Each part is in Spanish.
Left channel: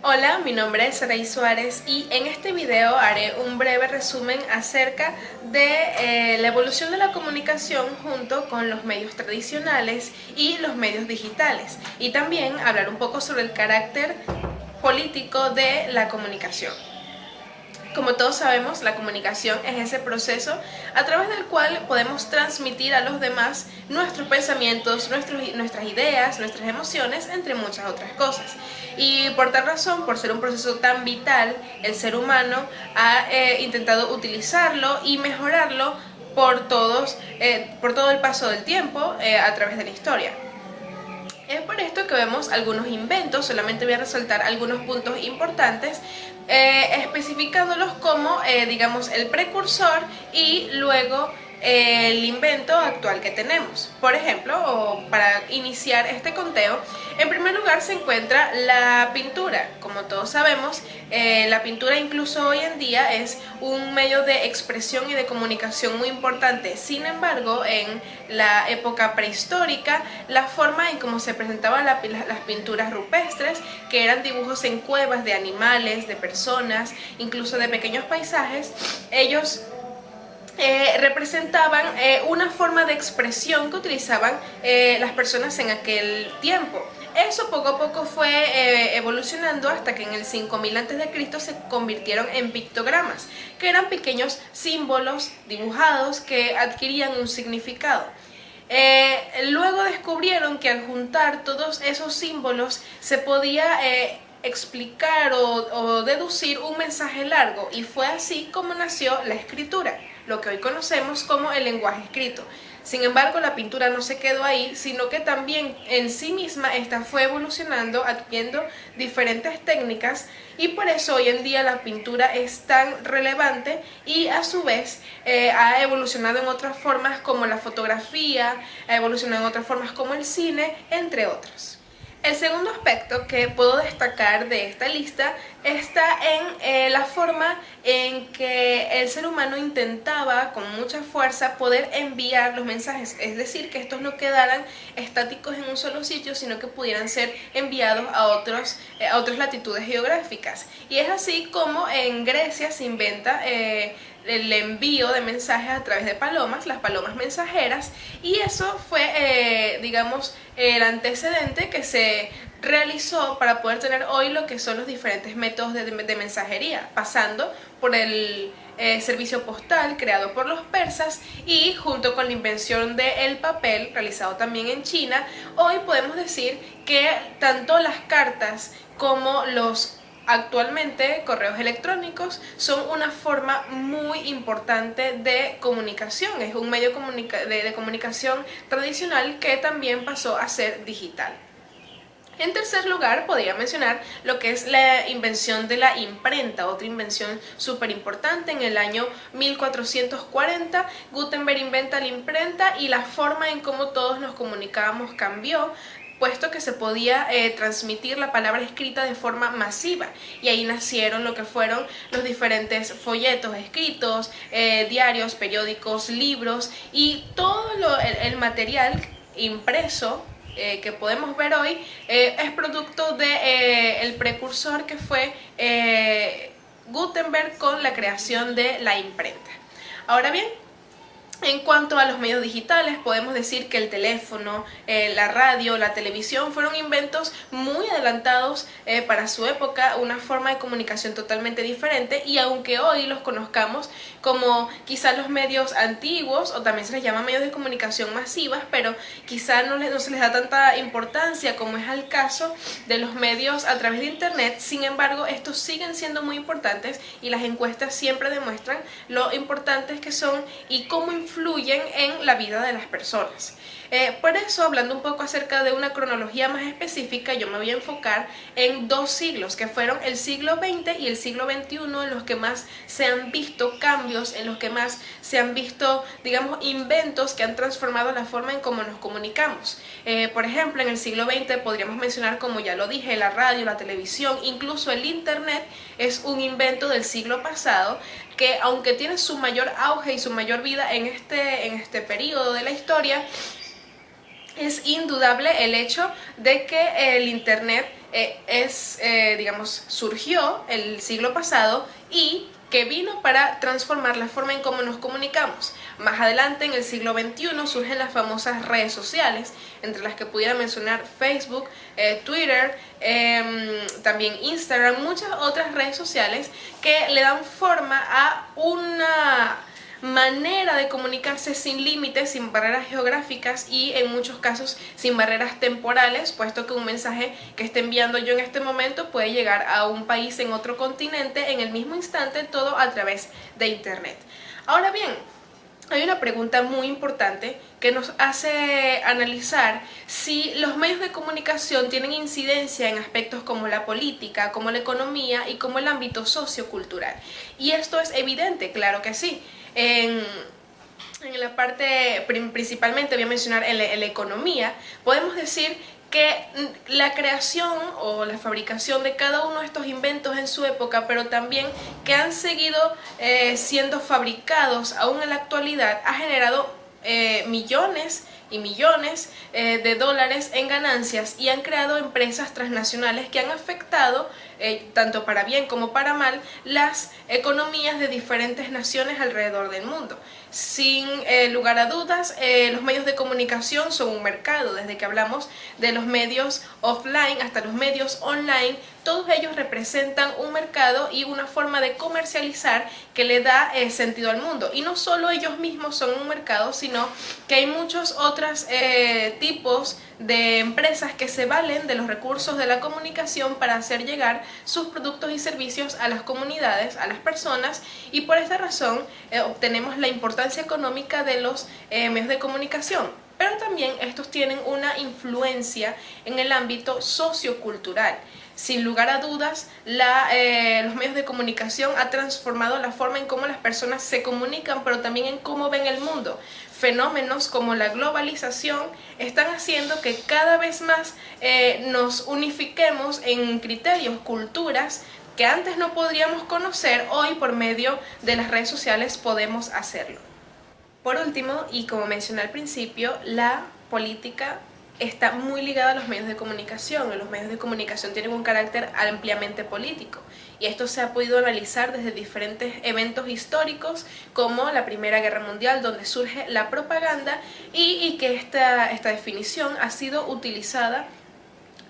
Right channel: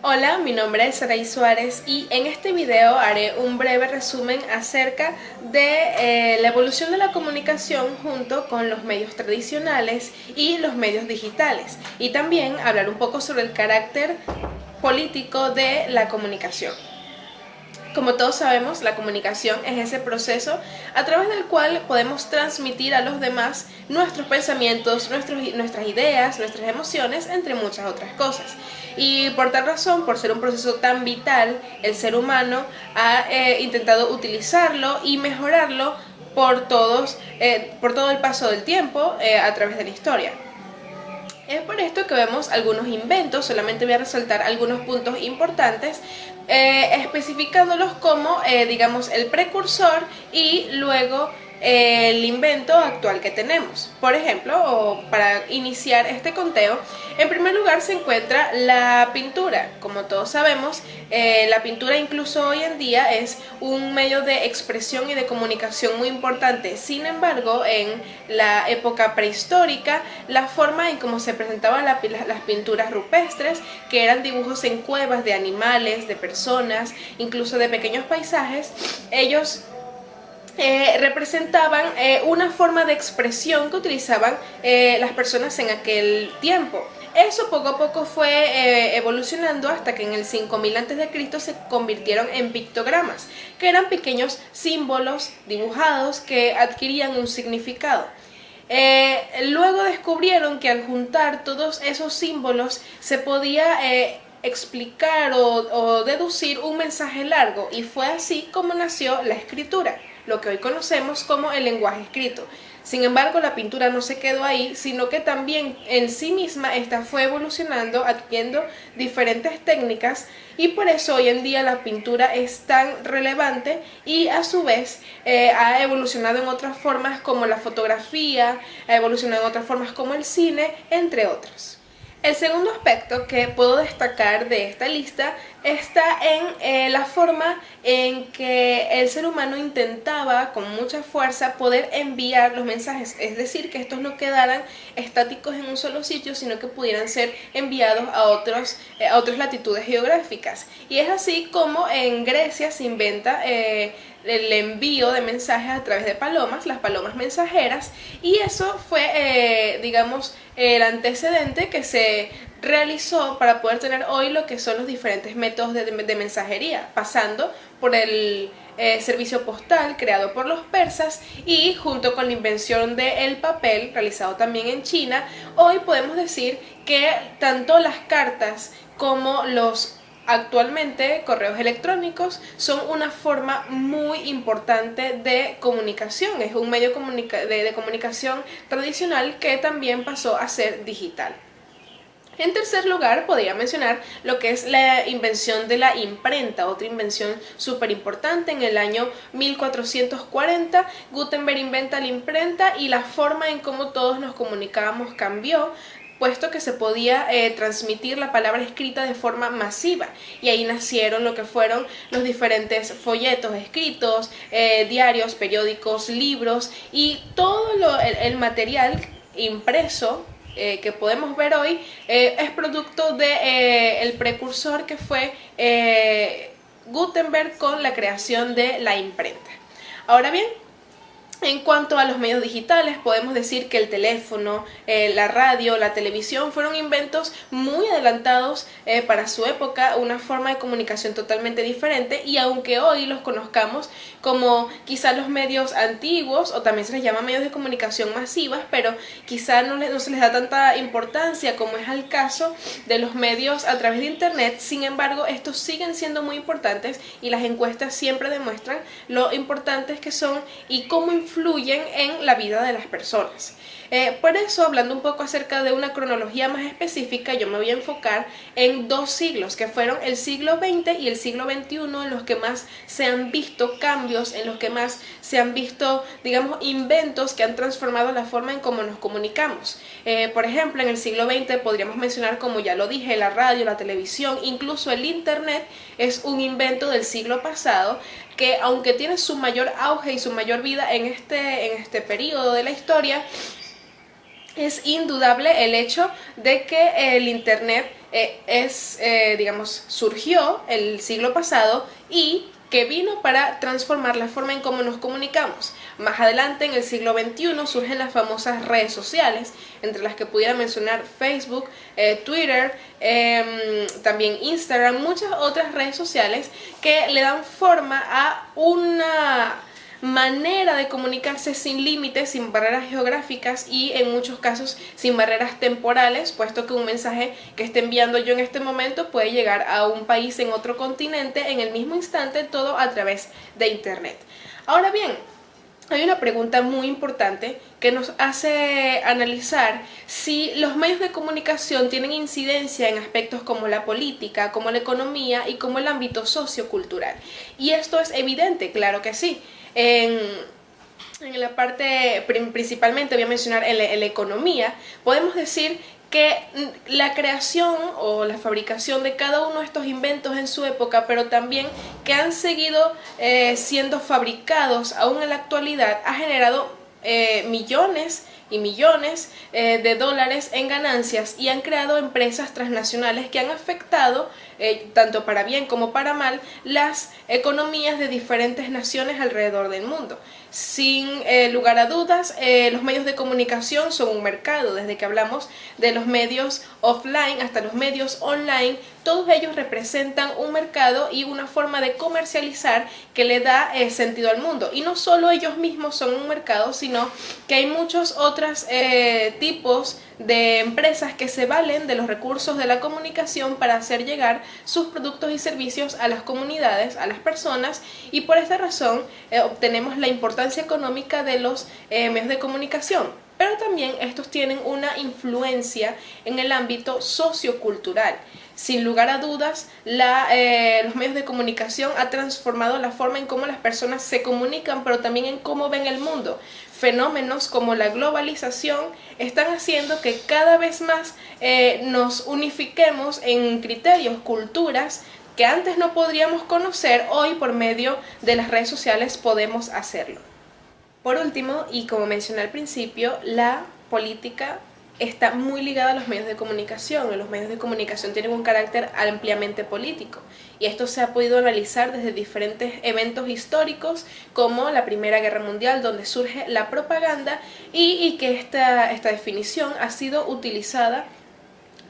Hola, mi nombre es Saray Suárez y en este video haré un breve resumen acerca de la evolución de la comunicación junto con los medios tradicionales y los medios digitales, y también hablar un poco sobre el carácter político de la comunicación. Como todos sabemos, la comunicación es ese proceso a través del cual podemos transmitir a los demás nuestros pensamientos, nuestras ideas, nuestras emociones, entre muchas otras cosas. Y por tal razón, por ser un proceso tan vital, el ser humano ha intentado utilizarlo y mejorarlo por todo el paso del tiempo a través de la historia. Es por esto que vemos algunos inventos, solamente voy a resaltar algunos puntos importantes, especificándolos como, digamos, el precursor y luego el invento actual que tenemos. Por ejemplo, para iniciar este conteo, en primer lugar se encuentra la pintura. Como todos sabemos, la pintura incluso hoy en día es un medio de expresión y de comunicación muy importante. Sin embargo, en la época prehistórica, la forma en cómo se presentaban las pinturas rupestres, que eran dibujos en cuevas de animales, de personas, incluso de pequeños paisajes, ellos representaban una forma de expresión que utilizaban las personas en aquel tiempo. Eso poco a poco fue evolucionando hasta que en el 5000 a.C. se convirtieron en pictogramas, que eran pequeños símbolos dibujados que adquirían un significado. Luego descubrieron que al juntar todos esos símbolos se podía explicar o deducir un mensaje largo, y fue así como nació la escritura, lo que hoy conocemos como el lenguaje escrito. Sin embargo, la pintura no se quedó ahí, sino que también en sí misma esta fue evolucionando, adquiriendo diferentes técnicas, y por eso hoy en día la pintura es tan relevante y a su vez ha evolucionado en otras formas como la fotografía, ha evolucionado en otras formas como el cine, entre otras. El segundo aspecto que puedo destacar de esta lista está en la forma en que el ser humano intentaba con mucha fuerza poder enviar los mensajes, es decir, que estos no quedaran estáticos en un solo sitio, sino que pudieran ser enviados a otras latitudes geográficas. Y es así como en Grecia se inventa el envío de mensajes a través de palomas, las palomas mensajeras, y eso fue, digamos, el antecedente que se realizó para poder tener hoy lo que son los diferentes métodos de mensajería, pasando por el servicio postal creado por los persas, y junto con la invención del papel realizado también en China, hoy podemos decir que tanto las cartas como los actualmente correos electrónicos son una forma muy importante de comunicación, es un medio de comunicación tradicional que también pasó a ser digital. En tercer lugar, podría mencionar lo que es la invención de la imprenta, otra invención súper importante. En el año 1440, Gutenberg inventa la imprenta y la forma en cómo todos nos comunicábamos cambió, puesto que se podía transmitir la palabra escrita de forma masiva, y ahí nacieron lo que fueron los diferentes folletos escritos, diarios, periódicos, libros y todo el material impreso que podemos ver hoy es producto de el precursor que fue Gutenberg con la creación de la imprenta. Ahora bien, en cuanto a los medios digitales, podemos decir que el teléfono, la radio, la televisión fueron inventos muy adelantados para su época, una forma de comunicación totalmente diferente, y aunque hoy los conozcamos como quizás los medios antiguos, o también se les llama medios de comunicación masivas, pero quizás no se les da tanta importancia como es el caso de los medios a través de internet. Sin embargo, estos siguen siendo muy importantes, y las encuestas siempre demuestran lo importantes que son y cómo influyen en la vida de las personas. Por eso, hablando un poco acerca de una cronología más específica, yo me voy a enfocar en dos siglos, que fueron el siglo XX y el siglo XXI, en los que más se han visto cambios, en los que más se han visto, digamos, inventos que han transformado la forma en cómo nos comunicamos. Por ejemplo, en el siglo XX podríamos mencionar, como ya lo dije, la radio, la televisión, incluso el internet es un invento del siglo pasado, que aunque tiene su mayor auge y su mayor vida en este periodo de la historia, es indudable el hecho de que el Internet surgió el siglo pasado y que vino para transformar la forma en cómo nos comunicamos. Más adelante, en el siglo XXI, surgen las famosas redes sociales, entre las que pudiera mencionar Facebook, Twitter, también Instagram, muchas otras redes sociales que le dan forma a una manera de comunicarse sin límites, sin barreras geográficas y en muchos casos sin barreras temporales, puesto que un mensaje que esté enviando yo en este momento puede llegar a un país en otro continente en el mismo instante, todo a través de Internet. Ahora bien, hay una pregunta muy importante que nos hace analizar si los medios de comunicación tienen incidencia en aspectos como la política, como la economía y como el ámbito sociocultural. Y esto es evidente, claro que sí. En la parte, principalmente voy a mencionar en la economía, podemos decir que la creación o la fabricación de cada uno de estos inventos en su época, pero también que han seguido siendo fabricados aún en la actualidad, ha generado millones y millones de dólares en ganancias y han creado empresas transnacionales que han afectado, tanto para bien como para mal, las economías de diferentes naciones alrededor del mundo. Sin lugar a dudas, los medios de comunicación son un mercado. Desde que hablamos de los medios offline hasta los medios online, todos ellos representan un mercado y una forma de comercializar que le da sentido al mundo. Y no solo ellos mismos son un mercado, sino que hay muchos otros tipos de empresas que se valen de los recursos de la comunicación para hacer llegar sus productos y servicios a las comunidades, a las personas, y por esta razón obtenemos la importancia económica de los medios de comunicación. Pero también estos tienen una influencia en el ámbito sociocultural. Sin lugar a dudas, los medios de comunicación han transformado la forma en cómo las personas se comunican, pero también en cómo ven el mundo. Fenómenos como la globalización están haciendo que cada vez más nos unifiquemos en criterios, culturas que antes no podríamos conocer, hoy por medio de las redes sociales podemos hacerlo. Por último, y como mencioné al principio, la política está muy ligada a los medios de comunicación. Los medios de comunicación tienen un carácter ampliamente político y esto se ha podido analizar desde diferentes eventos históricos como la Primera Guerra Mundial, donde surge la propaganda y que esta definición ha sido utilizada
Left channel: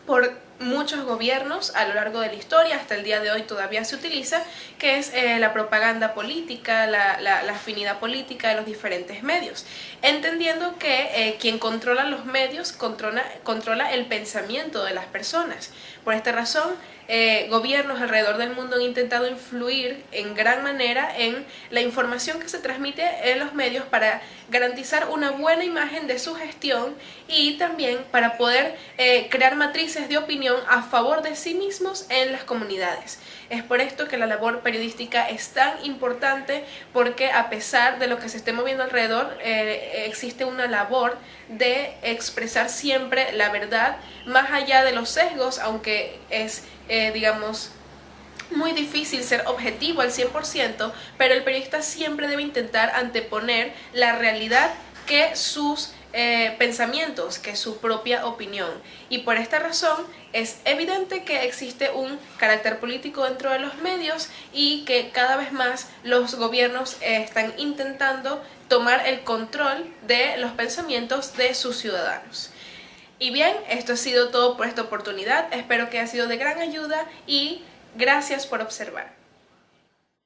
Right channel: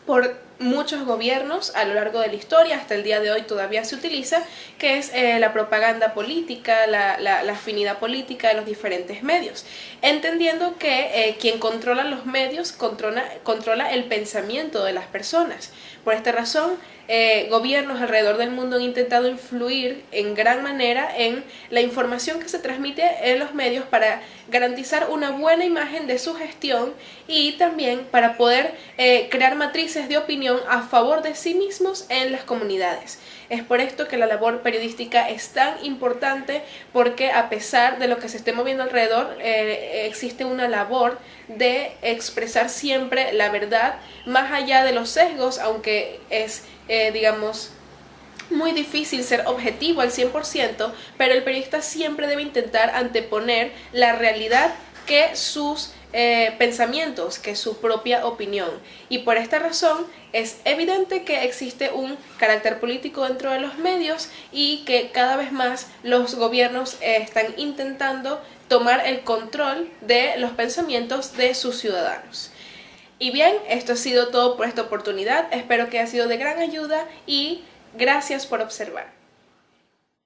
por muchos gobiernos a lo largo de la historia, hasta el día de hoy todavía se utiliza, que es la propaganda política, la afinidad política de los diferentes medios, entendiendo que quien controla los medios controla el pensamiento de las personas. Por esta razón, gobiernos alrededor del mundo han intentado influir en gran manera en la información que se transmite en los medios para garantizar una buena imagen de su gestión y también para poder crear matrices de opinión a favor de sí mismos en las comunidades. Es por esto que la labor periodística es tan importante, porque a pesar de lo que se esté moviendo alrededor, existe una labor de expresar siempre la verdad, más allá de los sesgos, aunque es, muy difícil ser objetivo al 100%, pero el periodista siempre debe intentar anteponer la realidad que sus pensamientos, que su propia opinión. Y por esta razón es evidente que existe un carácter político dentro de los medios y que cada vez más los gobiernos están intentando tomar el control de los pensamientos de sus ciudadanos. Y bien, esto ha sido todo por esta oportunidad. Espero que haya sido de gran ayuda y gracias por observar.